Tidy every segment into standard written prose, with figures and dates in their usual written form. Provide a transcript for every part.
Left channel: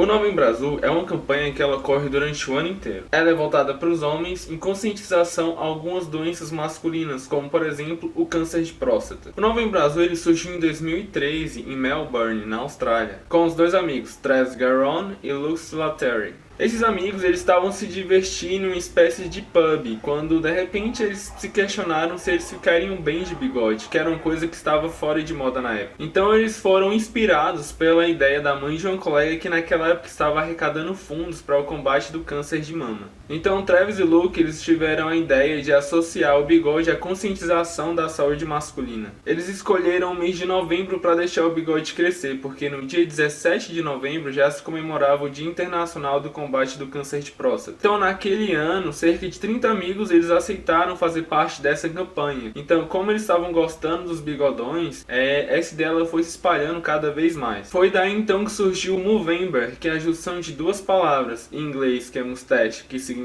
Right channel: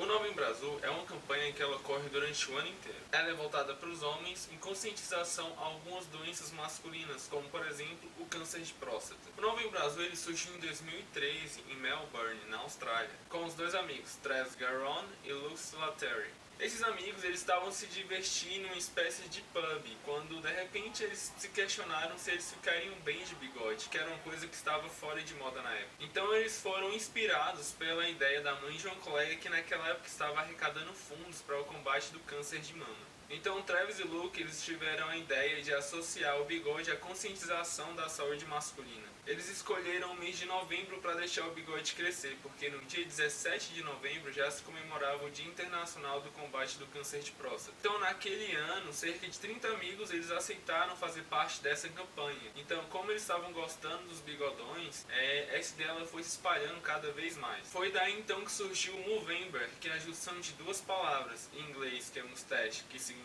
O Novembro Azul é uma campanha que ela ocorre durante o ano inteiro. Ela é voltada para os homens em conscientização a algumas doenças masculinas, como por exemplo o câncer de próstata. O Novembro Azul ele surgiu em 2013 em Melbourne, na Austrália, com os dois amigos Travis Garron e Luke Slattery. Esses amigos eles estavam se divertindo em uma espécie de pub, quando de repente eles se questionaram se eles ficariam bem de bigode, que era uma coisa que estava fora de moda na época. Então eles foram inspirados pela ideia da mãe de uma colega que naquela época estava arrecadando fundos para o combate do câncer de mama. Então Travis e Luke eles tiveram a ideia de associar o bigode à conscientização da saúde masculina. Eles escolheram o mês de novembro para deixar o bigode crescer, porque no dia 17 de novembro já se comemorava o Dia Internacional do Combate do Câncer de Próstata. Então naquele ano, cerca de 30 amigos eles aceitaram fazer parte dessa campanha. Então como eles estavam gostando dos bigodões, essa ideia foi se espalhando cada vez mais. Foi daí então que surgiu o Movember, que é a junção de duas palavras, em inglês que é mustache, que significa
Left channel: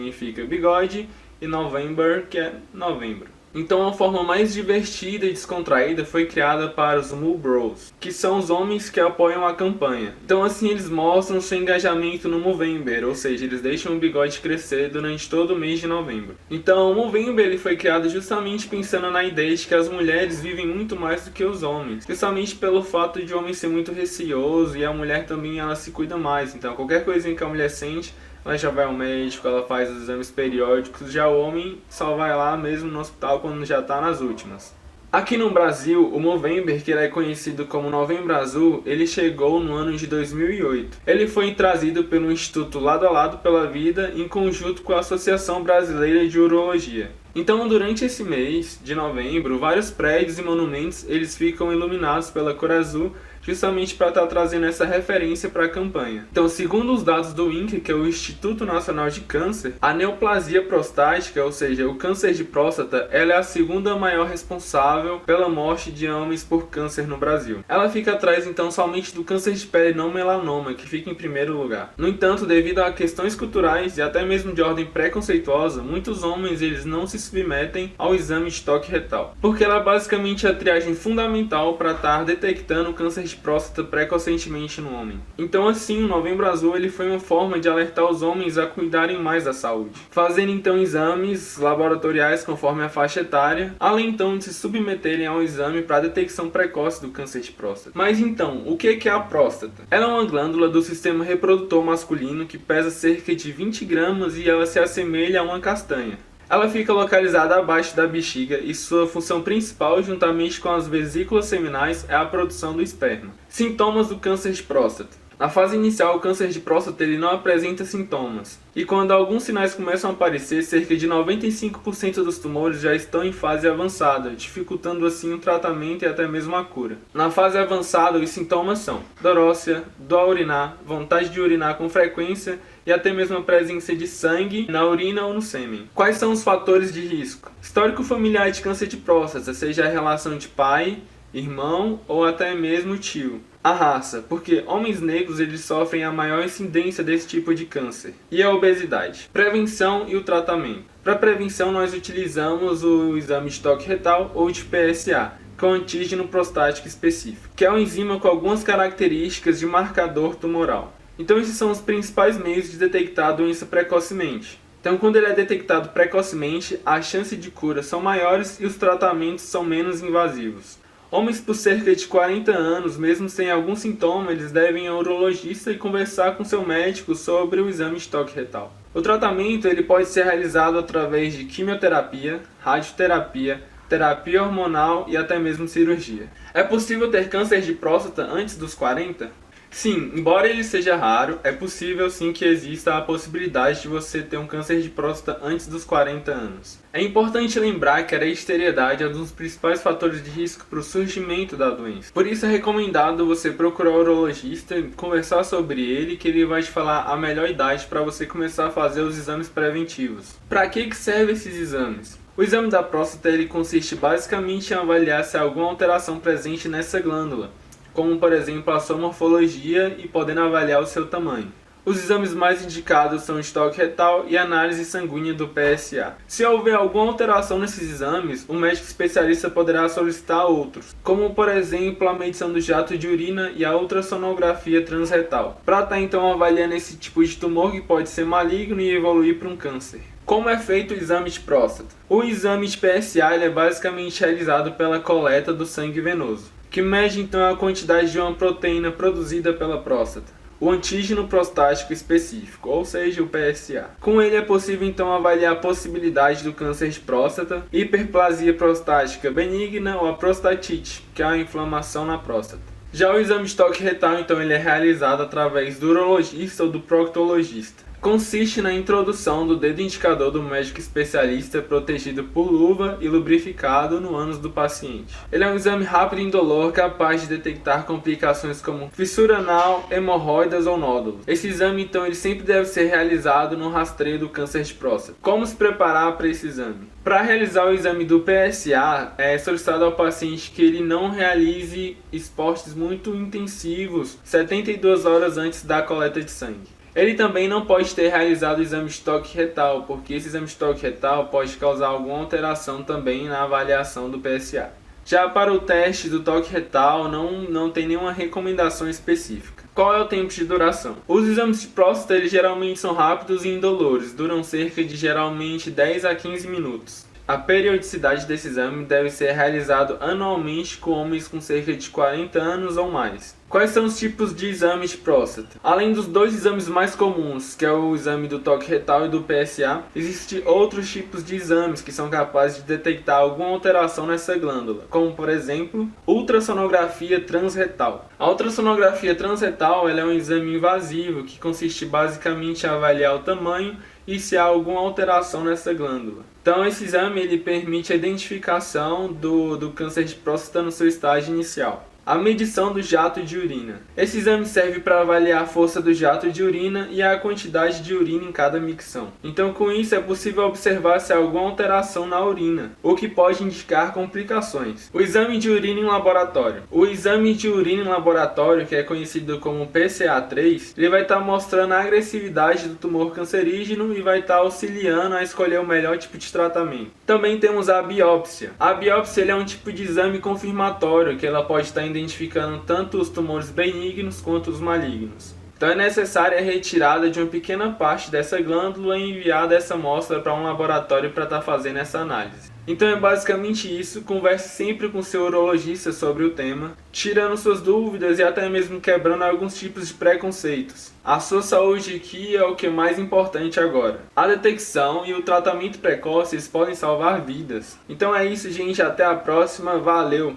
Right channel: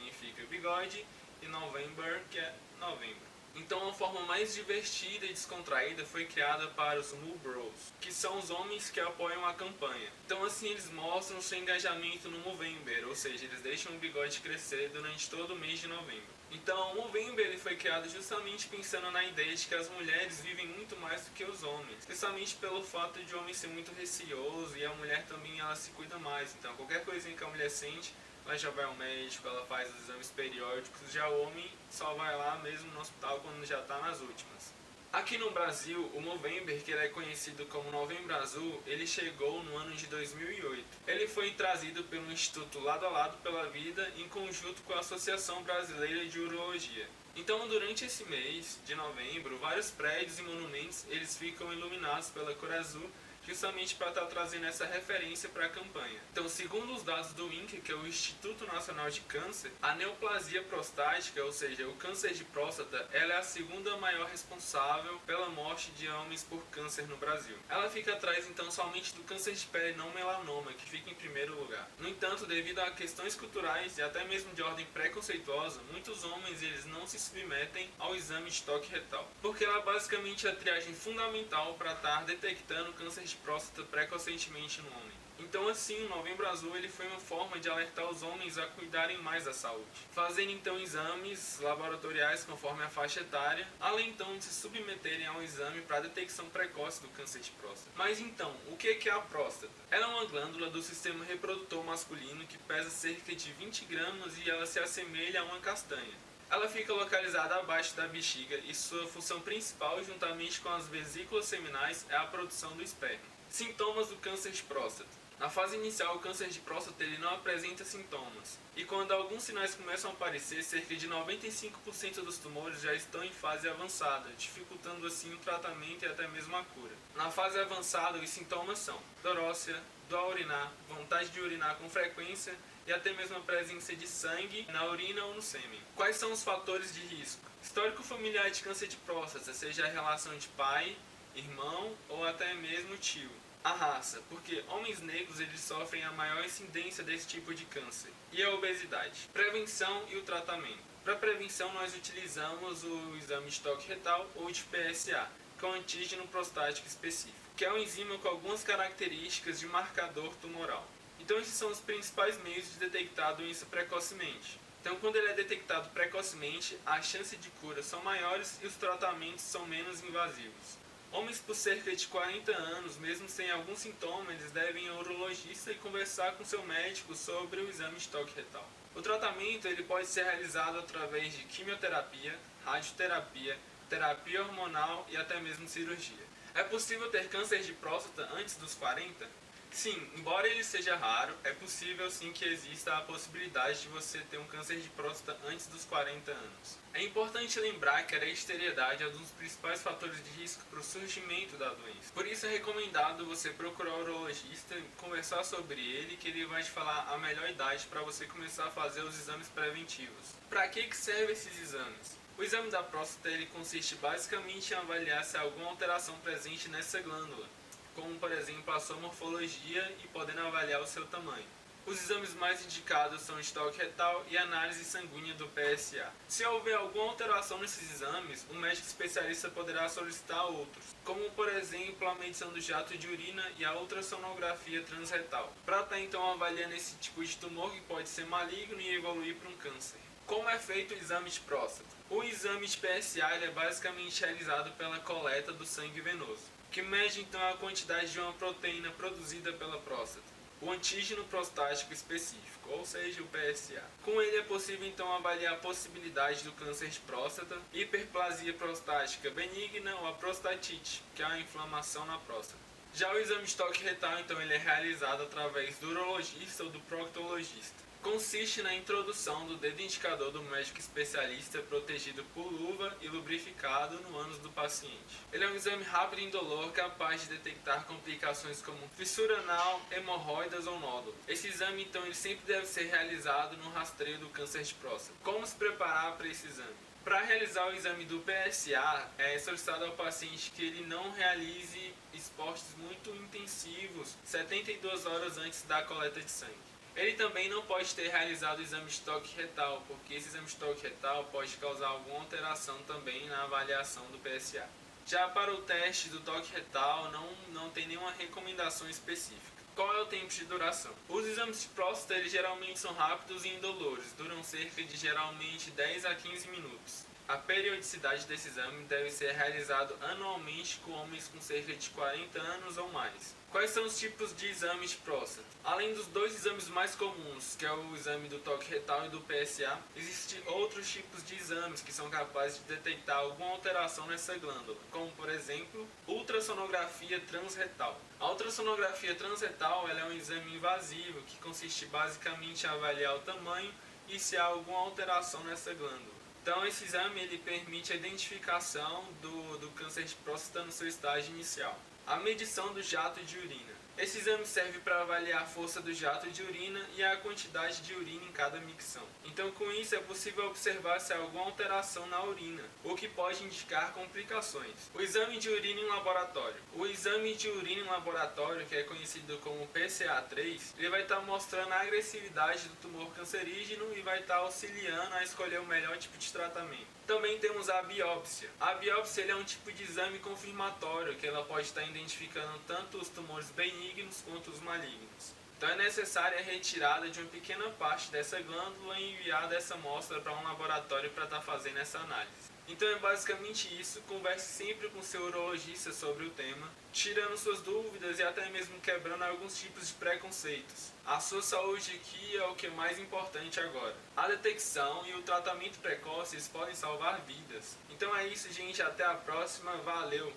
bigode, e November, que é novembro. Então a forma mais divertida e descontraída foi criada para os Moo Bros, que são os homens que apoiam a campanha. Então assim eles mostram seu engajamento no Movember, ou seja, eles deixam o bigode crescer durante todo o mês de novembro. Então o Movember ele foi criado justamente pensando na ideia de que as mulheres vivem muito mais do que os homens, justamente pelo fato de o homem ser muito receoso e a mulher também ela se cuida mais. Então qualquer coisinha que a mulher sente, ela já vai ao médico, ela faz os exames periódicos, já o homem só vai lá mesmo no hospital quando já está nas últimas. Aqui no Brasil, o Movember, que é conhecido como Novembro Azul, ele chegou no ano de 2008. Ele foi trazido pelo Instituto Lado a Lado pela Vida em conjunto com a Associação Brasileira de Urologia. Então, durante esse mês de novembro, vários prédios e monumentos eles ficam iluminados pela cor azul, justamente para estar trazendo essa referência para a campanha. Então, segundo os dados do INCA, que é o Instituto Nacional de Câncer, a neoplasia prostática, ou seja, o câncer de próstata, ela é a segunda maior responsável pela morte de homens por câncer no Brasil. Ela fica atrás, então, somente do câncer de pele não melanoma, que fica em primeiro lugar. No entanto, devido a questões culturais e até mesmo de ordem preconceituosa, muitos homens eles não se submetem ao exame de toque retal, porque ela é basicamente a triagem fundamental para estar detectando o câncer de próstata precocemente no homem. Então assim, o Novembro Azul ele foi uma forma de alertar os homens a cuidarem mais da saúde, fazendo então exames laboratoriais conforme a faixa etária, além então de se submeterem ao exame para detecção precoce do câncer de próstata. Mas então, o que é a próstata? Ela é uma glândula do sistema reprodutor masculino que pesa cerca de 20 gramas e ela se assemelha a uma castanha. Ela fica localizada abaixo da bexiga e sua função principal, juntamente com as vesículas seminais, é a produção do esperma. Sintomas do câncer de próstata. Na fase inicial, o câncer de próstata ele não apresenta sintomas. E quando alguns sinais começam a aparecer, cerca de 95% dos tumores já estão em fase avançada, dificultando assim o tratamento e até mesmo a cura. Na fase avançada, os sintomas são dorócia, dor a urinar, vontade de urinar com frequência e até mesmo a presença de sangue na urina ou no sêmen. Quais são os fatores de risco? Histórico familiar de câncer de próstata, seja a relação de pai, irmão ou até mesmo tio. A raça, porque homens negros eles sofrem a maior incidência desse tipo de câncer. E a obesidade. Prevenção e o tratamento. Para prevenção nós utilizamos o exame de toque retal ou de PSA, que é um antígeno prostático específico, que é uma enzima com algumas características de marcador tumoral. Então esses são os principais meios de detectar a doença precocemente. Então quando ele é detectado precocemente, as chances de cura são maiores e os tratamentos são menos invasivos. Homens por cerca de 40 anos, mesmo sem algum sintoma, eles devem ir ao urologista e conversar com seu médico sobre o exame de toque retal. O tratamento ele pode ser realizado através de quimioterapia, radioterapia, terapia hormonal e até mesmo cirurgia. É possível ter câncer de próstata antes dos 40? Sim, embora ele seja raro, é possível sim que exista a possibilidade de você ter um câncer de próstata antes dos 40 anos. É importante lembrar que a esterilidade é um dos principais fatores de risco para o surgimento da doença. Por isso é recomendado você procurar o urologista, conversar sobre ele, que ele vai te falar a melhor idade para você começar a fazer os exames preventivos. Para que servem esses exames? O exame da próstata ele consiste basicamente em avaliar se há alguma alteração presente nessa glândula, como por exemplo a sua morfologia e podendo avaliar o seu tamanho. Os exames mais indicados são estoque retal e análise sanguínea do PSA. Se houver alguma alteração nesses exames, o médico especialista poderá solicitar outros, como por exemplo a medição do jato de urina e a ultrassonografia transretal, para estar então avaliando esse tipo de tumor que pode ser maligno e evoluir para um câncer. Como é feito o exame de próstata? O exame de PSA é basicamente realizado pela coleta do sangue venoso, que mede então a quantidade de uma proteína produzida pela próstata, o antígeno prostático específico, ou seja, o PSA. Com ele é possível então avaliar a possibilidade do câncer de próstata, hiperplasia prostática benigna ou a prostatite, que é a inflamação na próstata. Já o exame de toque retal, então, ele é realizado através do urologista ou do proctologista. Consiste na introdução do dedo indicador do médico especialista protegido por luva e lubrificado no ânus do paciente. Ele é um exame rápido e indolor capaz de detectar complicações como fissura anal, hemorroidas ou nódulos. Esse exame, então, ele sempre deve ser realizado no rastreio do câncer de próstata. Como se preparar para esse exame? Para realizar o exame do PSA, é solicitado ao paciente que ele não realize esportes muito intensivos 72 horas antes da coleta de sangue. Ele também não pode ter realizado o exame de toque retal, porque esse exame de toque retal pode causar alguma alteração também na avaliação do PSA. Já para o teste do toque retal, não tem nenhuma recomendação específica. Qual é o tempo de duração? Os exames de próstata eles geralmente são rápidos e indolores, duram cerca de geralmente 10 a 15 minutos. A periodicidade desse exame deve ser realizado anualmente com homens com cerca de 40 anos ou mais. Quais são os tipos de exames de próstata? Além dos dois exames mais comuns, que é o exame do toque retal e do PSA, existem outros tipos de exames que são capazes de detectar alguma alteração nessa glândula, como por exemplo, ultrassonografia transretal. A ultrassonografia transretal ela é um exame invasivo que consiste basicamente em avaliar o tamanho e se há alguma alteração nessa glândula. Então esse exame ele permite a identificação do câncer de próstata no seu estágio inicial. A medição do jato de urina. Esse exame serve para avaliar a força do jato de urina e a quantidade de urina em cada micção. Então, com isso, é possível observar se há alguma alteração na urina, o que pode indicar complicações. O exame de urina em laboratório. O exame de urina em laboratório, que é conhecido como PSA3, ele vai estar mostrando a agressividade do tumor cancerígeno e vai estar auxiliando a escolher o melhor tipo de tratamento. Também temos a biópsia. A biópsia ele é um tipo de exame confirmatório que ela pode estar identificando tanto os tumores benignos quanto os malignos. Então é necessária a retirada de uma pequena parte dessa glândula e enviar essa amostra para um laboratório para estar fazendo essa análise. Então é basicamente isso, converse sempre com seu urologista sobre o tema, tirando suas dúvidas e até mesmo quebrando alguns tipos de preconceitos. A sua saúde aqui é o que é mais importante agora. A detecção e o tratamento precoce podem salvar vidas. Então é isso, gente, até a próxima, valeu!